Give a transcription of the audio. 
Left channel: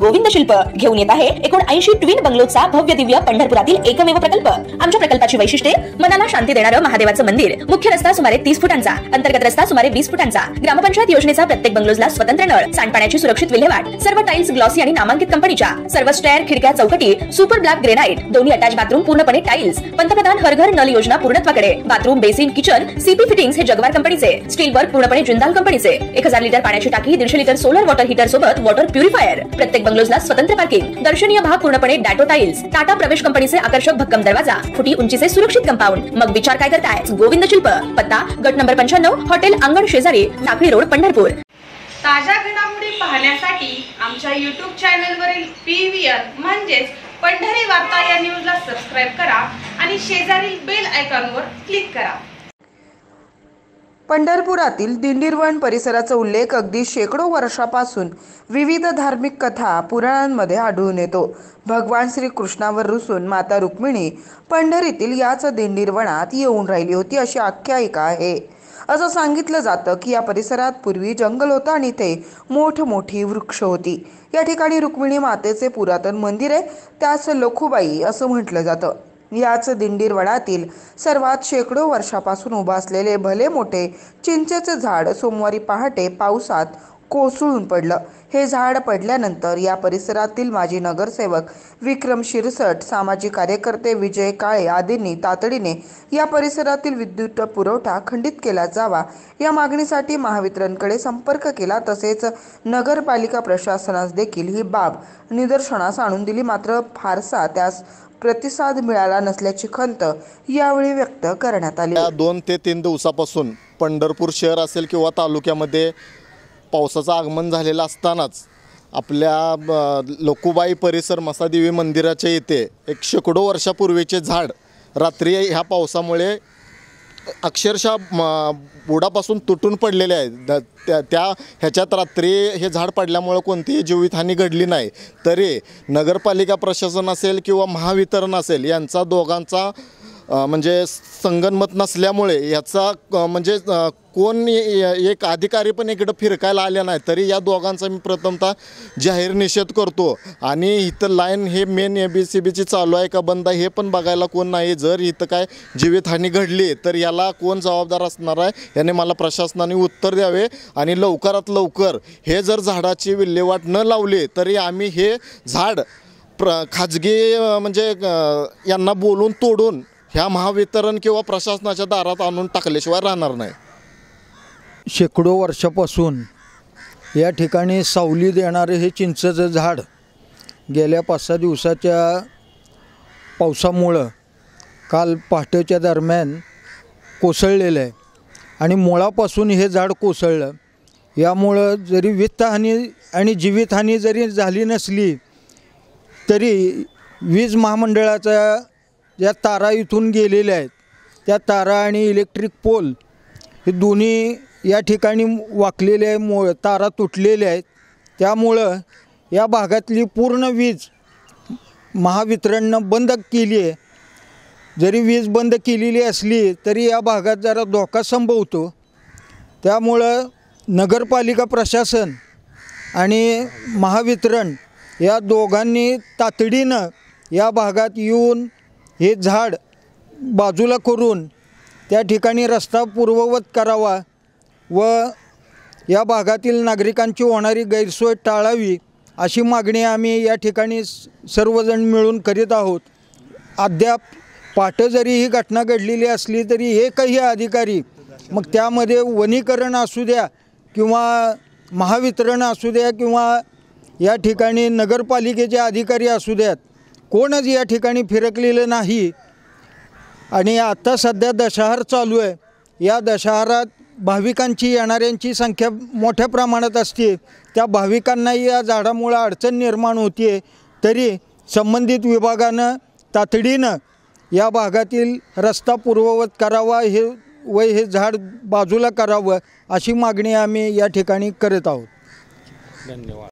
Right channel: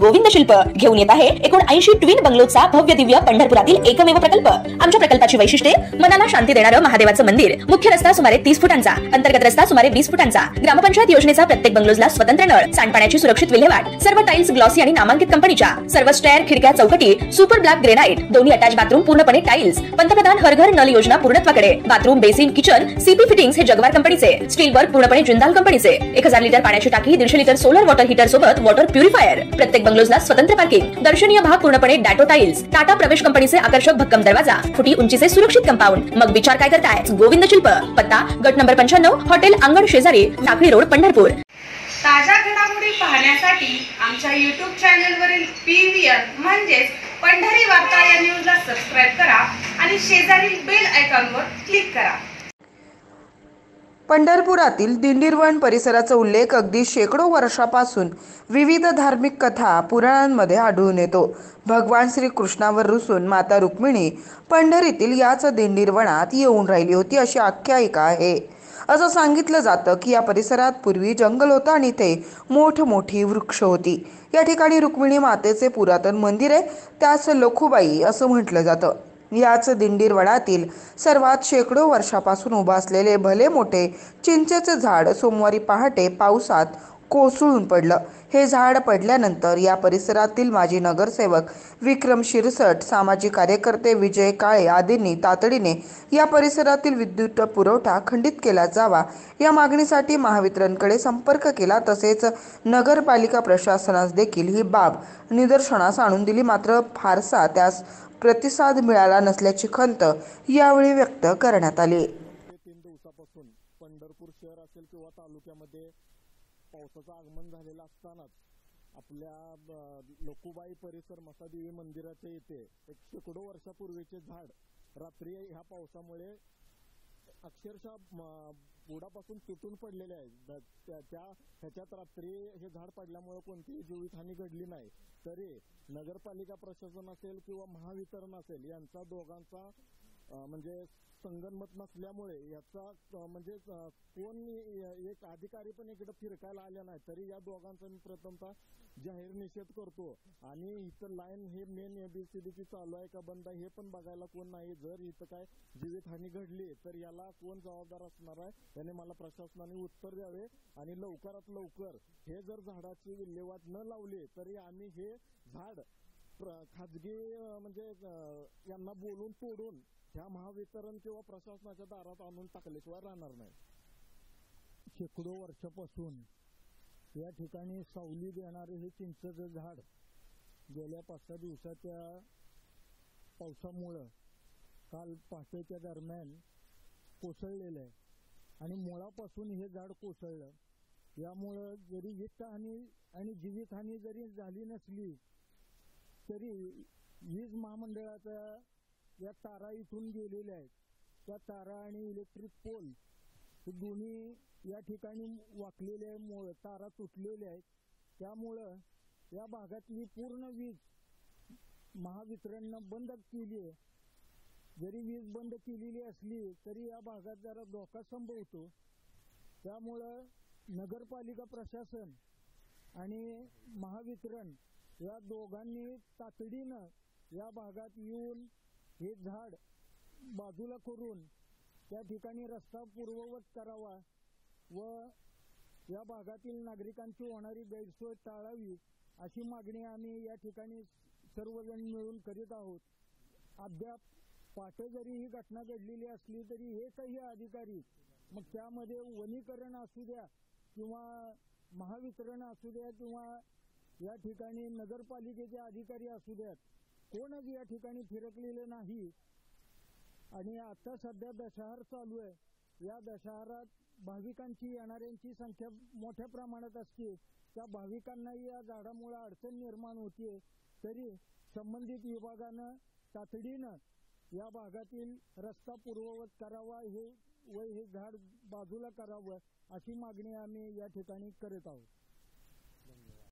गोविंद शिल्प घेऊन येत आहे 79 ट्विन बंगलोचा भव्य दिव्य पंढरपुरातील एकमेव प्रकल्प। आमच्या प्रकल्पाची वैशिष्ट्ये मनाला शांती देणारं महादेवाचं मंदिर, मुख्य रस्ता सुमारे 30 फुटांचा, अंतर्गत रस्ता सुमारे 20 फुटांचा, ग्रामपंचायत योजनेचा प्रत्येक बंगलोजला स्वतंत्र नळ, सांडपाण्याची सुरक्षित विल्हेवाट, सर्व टाइल्स ग्लॉसी आणि नामांकित कंपनीच्या, सर्व स्टेअर, खिडक्या, चौकटी सुपर ब्लॅक ग्रेनाइट, दोन्ही अटॅच बाथरूम पूर्णपणे टाइल्स, पंतप्रधान हर घर नल योजना पूर्णत्वाकडे, bathroom, basin, kitchen, CP fittings हे जगवार कंपनीचे, स्टील वर्क पूर्णपणे जिंदाल कंपनीचे, 1000 लिटर पाण्याची टाकी, 150 लिटर सोलर वॉटर हीटर सोबत वॉटर प्युरिफायर, प्रत्येक बंगलोजला स्वतंत्र पार्किंग, दर्शनीय भाग पूर्णपणे डॅटो टाइल्स, टाटा प्रवेश कंपनीचे आकर्षक भक्कम दरवाजा, फुटी उंचीचे सुरक्षित कंपाऊंड। मग विचार काय करताय? गोविंद शिल्प, पत्ता गट नंबर 95, हॉटेल अंगण शेजारी, टाकळी रोड, पंढरपूर। ताज्या घडामोडी पाहण्यासाठी आमच्या YouTube चॅनलवरील PVR म्हणजेच पंढरी वार्ता या न्यूजला सबस्क्राइब करा आणि शेजारील बेल आयकॉनवर क्लिक करा। पंढरपुरातील दिंडीरवण परिसराचा उल्लेख अगदी शेकडो वर्षापासून विविध धार्मिक कथा पुराणांमध्ये आढळून येतो। भगवान श्री कृष्णावर रुसून माता रुक्मिणी पंढरीतील याच दिंडीरवनात येऊन राहिली होती अशी आख्यायिका आहे। असं सांगितलं जातं की या परिसरात पूर्वी जंगल होतं आणि इथे मोठमोठी वृक्ष होती। या ठिकाणी रुक्मिणी मातेचे पुरातन मंदिर आहे, त्यास लखुबाई असं म्हटलं जातं। याच दिंडीरवनातील सर्वात शेकडो वर्षापासून उभा असलेले भले मोठे चिंचेचे झाड सोमवारी पहाटे पावसात कोसळून पडलं। हे झाड पडल्यानंतर या परिसरातील माजी नगरसेवक विक्रम शिरसट, सामाजिक कार्यकर्ते विजय काळे आदींनी तातडीने या परिसरातील विद्युत पुरवठा खंडित केला जावा या मागणीसाठी महावितरणकडे संपर्क केला। तसेच नगरपालिका प्रशासनास देखील ही बाब निदर्शनास आणून दिली, मात्र फारसा त्यास प्रतिसाद मिळाला नसल्याची खंत यावेळी व्यक्त करण्यात आली। 2 ते 3 दिवसापासून पंढरपूर शहर असेल किंवा तालुक्यामध्ये पावसाचं आगमन झालेलं असतानाच आपल्या लखुबाई परिसर मसादेवी मंदिराच्या इथे एक शेकडो वर्षापूर्वीचे झाड रात्री ह्या पावसामुळे अक्षरशः बुडापासून तुटून पडलेले आहेत। त्या ह्याच्यात रात्री हे झाड पडल्यामुळे कोणतीही जीवितहानी घडली नाही, तरी नगरपालिका प्रशासन असेल किंवा महावितरण असेल यांचा दोघांचा म्हणजे संगनमत नसल्यामुळे याचा म्हणजे कोण एक अधिकारी पण इकडं फिरकायला आले नाही, तरी या दोघांचा मी प्रथमतः जाहीर निषेध करतो। आणि इथं लाईन हे मेन ABCBची चालू आहे का बंद आहे हे पण बघायला कोण नाही। जर इथं काय जीवितहानी घडली तर याला कोण जबाबदार असणार आहे याने मला प्रशासनाने उत्तर द्यावे। आणि लवकरात लवकर हे जर झाडाची विल्हेवाट न लावली तरी आम्ही हे झाड खाजगी म्हणजे यांना बोलून तोडून ह्या महावितरण किंवा प्रशासनाच्या दारात आणून टाकल्याशिवाय राहणार नाही। शेकडो वर्षापासून या ठिकाणी सावली देणारे हे चिंचेचं झाड गेल्या 5-6 दिवसाच्या पावसामुळं काल पहाटेच्या दरम्यान कोसळलेलं आहे आणि मुळापासून हे झाड कोसळलं। यामुळं जरी वित्तहानी आणि जीवितहानी जरी झाली नसली तरी वीज महामंडळाच्या ज्या तारा इथून गेलेल्या आहेत त्या तारा आणि इलेक्ट्रिक पोल हे दोन्ही या ठिकाणी वाकलेले आहे, तारा तुटलेल्या आहेत। त्यामुळं या भागातली पूर्ण वीज महावितरणनं बंद केली आहे। जरी वीज बंद केलेली असली तरी या भागात जरा धोका संभवतो। त्यामुळं नगरपालिका प्रशासन आणि महावितरण या दोघांनी तातडीनं या भागात येऊन हे झाड बाजूला करून त्या ठिकाणी रस्ता पूर्ववत करावा व या भागातील नागरिकांची होणारी गैरसोय टाळावी अशी मागणी आम्ही या ठिकाणी सर्वजण मिळून करीत आहोत। अद्याप पहाटे जरी ही घटना घडलेली असली तरी एकही अधिकारी, मग त्यामध्ये वनीकरण असू द्या किंवा महावितरण असू द्या किंवा या ठिकाणी नगरपालिकेचे अधिकारी असू द्यात, कोणच या ठिकाणी फिरकलेलं नाही। आणि आता सध्या दशहरा चालू आहे, या दशहरात भाविकांची येणाऱ्यांची संख्या मोठ्या प्रमाणात असते। त्या भाविकांनाही या झाडामुळे अडचण निर्माण होते, तरी संबंधित विभागानं तातडीनं या भागातील रस्ता पूर्ववत करावा हे झाड बाजूला करावं अशी मागणी आम्ही या ठिकाणी करत आहोत। धन्यवाद।